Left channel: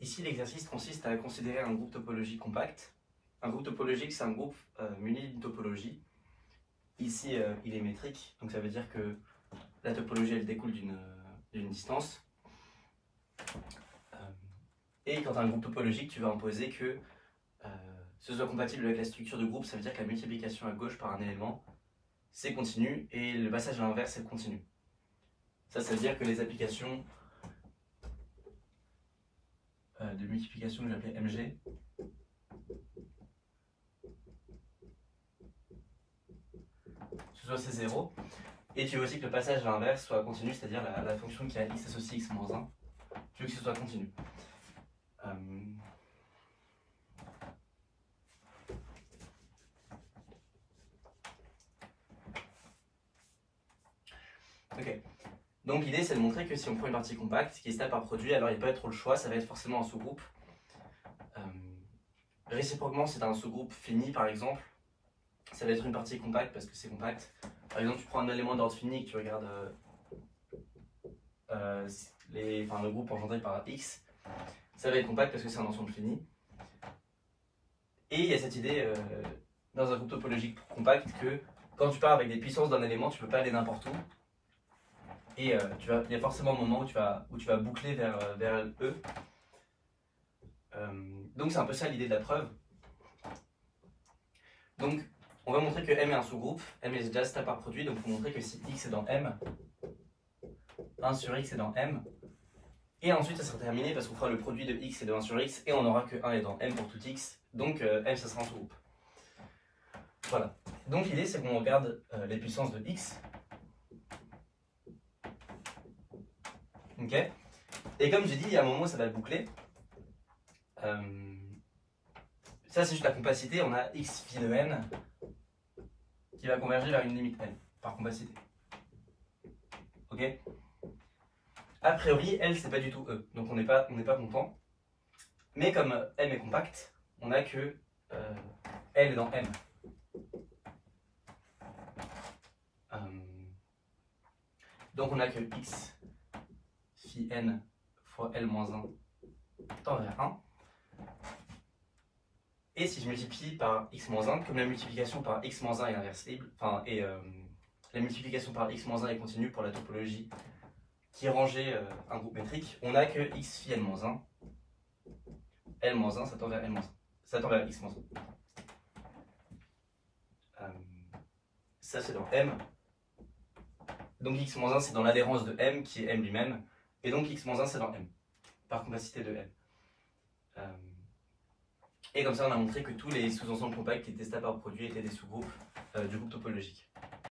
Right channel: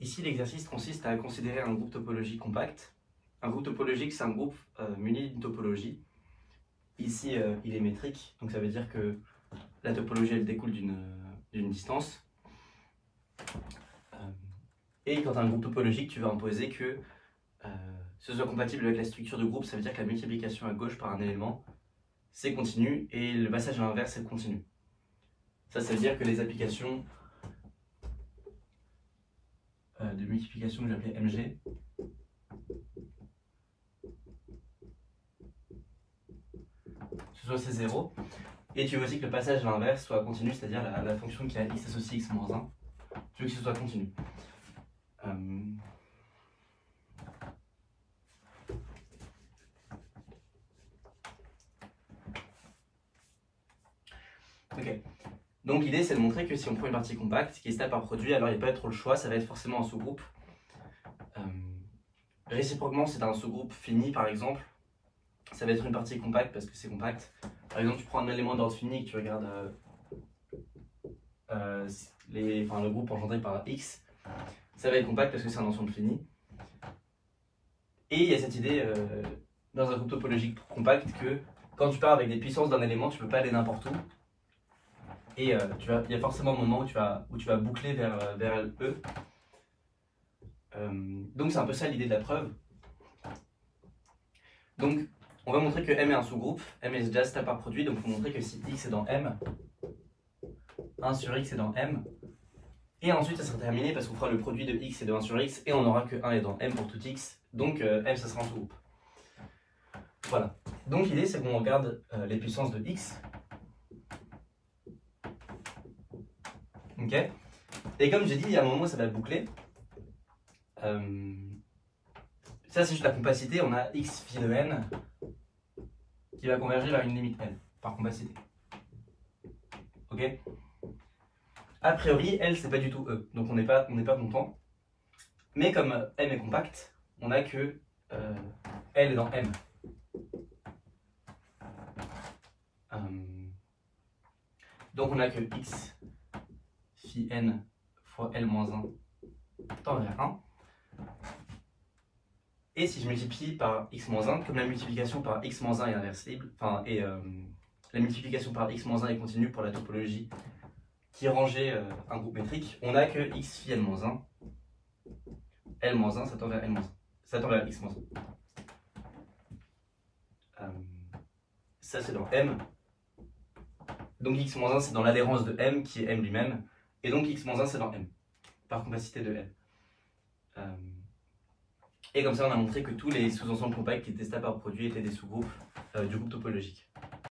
Ici, l'exercice consiste à considérer un groupe topologique compact. Un groupe topologique, c'est un groupe muni d'une topologie. Ici, il est métrique, donc ça veut dire que la topologie, elle découle d'une distance. Et quand tu as un groupe topologique, tu vas imposer que ce soit compatible avec la structure de groupe. Ça veut dire que la multiplication à gauche par un élément, c'est continu, et le passage à l'inverse, c'est continu. Ça veut dire que les applications de multiplication que j'appelais MG, ce soit C0, et tu veux aussi que le passage à l'inverse soit continu, c'est-à-dire la fonction qui a x associé x moins 1, tu veux que ce soit continu. Ok. Donc l'idée, c'est de montrer que si on prend une partie compacte qui se tape par produit, alors il n'y a pas trop le choix, ça va être forcément un sous-groupe. Réciproquement, si tu as un sous-groupe fini, par exemple, ça va être une partie compacte parce que c'est compact. Par exemple, tu prends un élément d'ordre fini et que tu regardes le groupe engendré par x, ça va être compact parce que c'est un ensemble fini. Et il y a cette idée dans un groupe topologique compact que quand tu pars avec des puissances d'un élément, tu ne peux pas aller n'importe où. Et il y a forcément un moment où tu vas boucler vers E. Donc c'est un peu ça l'idée de la preuve. Donc on va montrer que M est un sous-groupe. M est déjà stable par produit, donc il faut montrer que si x est dans M, 1 sur x est dans M. Et ensuite ça sera terminé parce qu'on fera le produit de x et de 1 sur x et on n'aura que 1 est dans M pour tout x. Donc M ça sera un sous-groupe. Voilà. Donc l'idée c'est qu'on regarde les puissances de x. Ok. Et comme j'ai dit, il y a un moment où ça va boucler. Ça c'est juste la compacité, on a x phi de n qui va converger vers une limite n par compacité. Ok. A priori, L c'est pas du tout E, donc on n'est pas content. Mais comme M est compact, on a que L est dans M. Donc on a que x phi n fois L moins 1 tend vers 1. Et si je multiplie par x moins 1, comme la multiplication par x moins 1 est inversible, la multiplication par x moins 1 est continue pour la topologie qui rangeait un groupe métrique, on a que x phi n moins 1, L moins 1, ça tend vers L moins 1. Ça tend vers x moins 1. Ça c'est dans M. Donc x moins 1 c'est dans l'adhérence de M qui est M lui-même. Et donc x moins 1 c'est dans M, par compacité de M. Et comme ça on a montré que tous les sous-ensembles compacts qui étaient stables par produit étaient des sous-groupes du groupe topologique.